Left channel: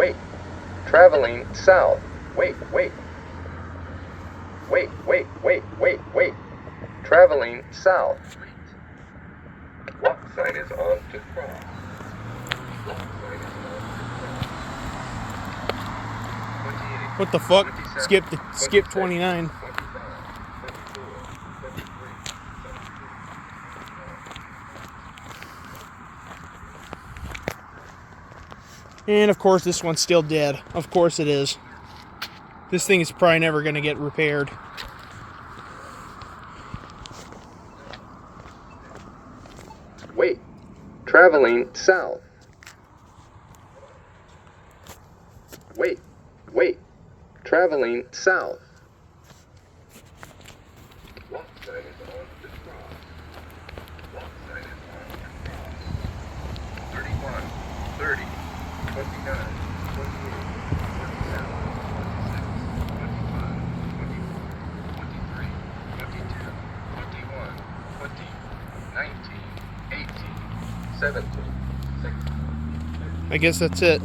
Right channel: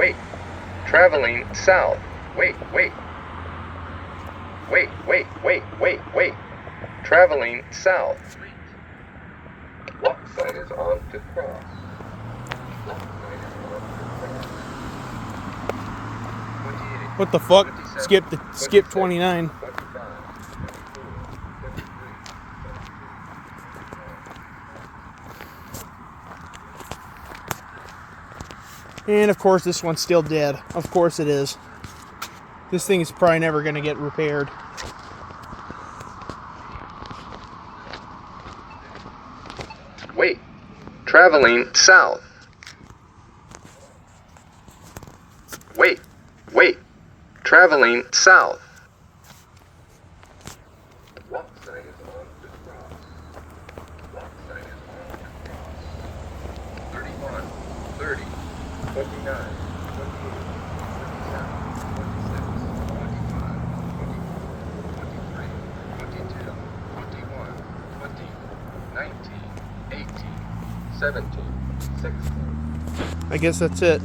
wait. Traveling south. Wait, wait. Wait, wait, wait, wait, wait. Traveling south. Walk sign is on to cross. Walk sign is on to cross. 28. What the fuck? 27, Skip 29. 25, 24, 23, And of course this one's still dead. Of course it is. This thing is probably never going to get repaired. Wait. Traveling south. Wait. Wait. Traveling south. Walk sign is on to cross. Walk sign is on to cross. 31, 30, 29, 28, 27, 26, 25, 24, 23, 22, 21, 20, 19, 18, 17, 16. I guess that's it.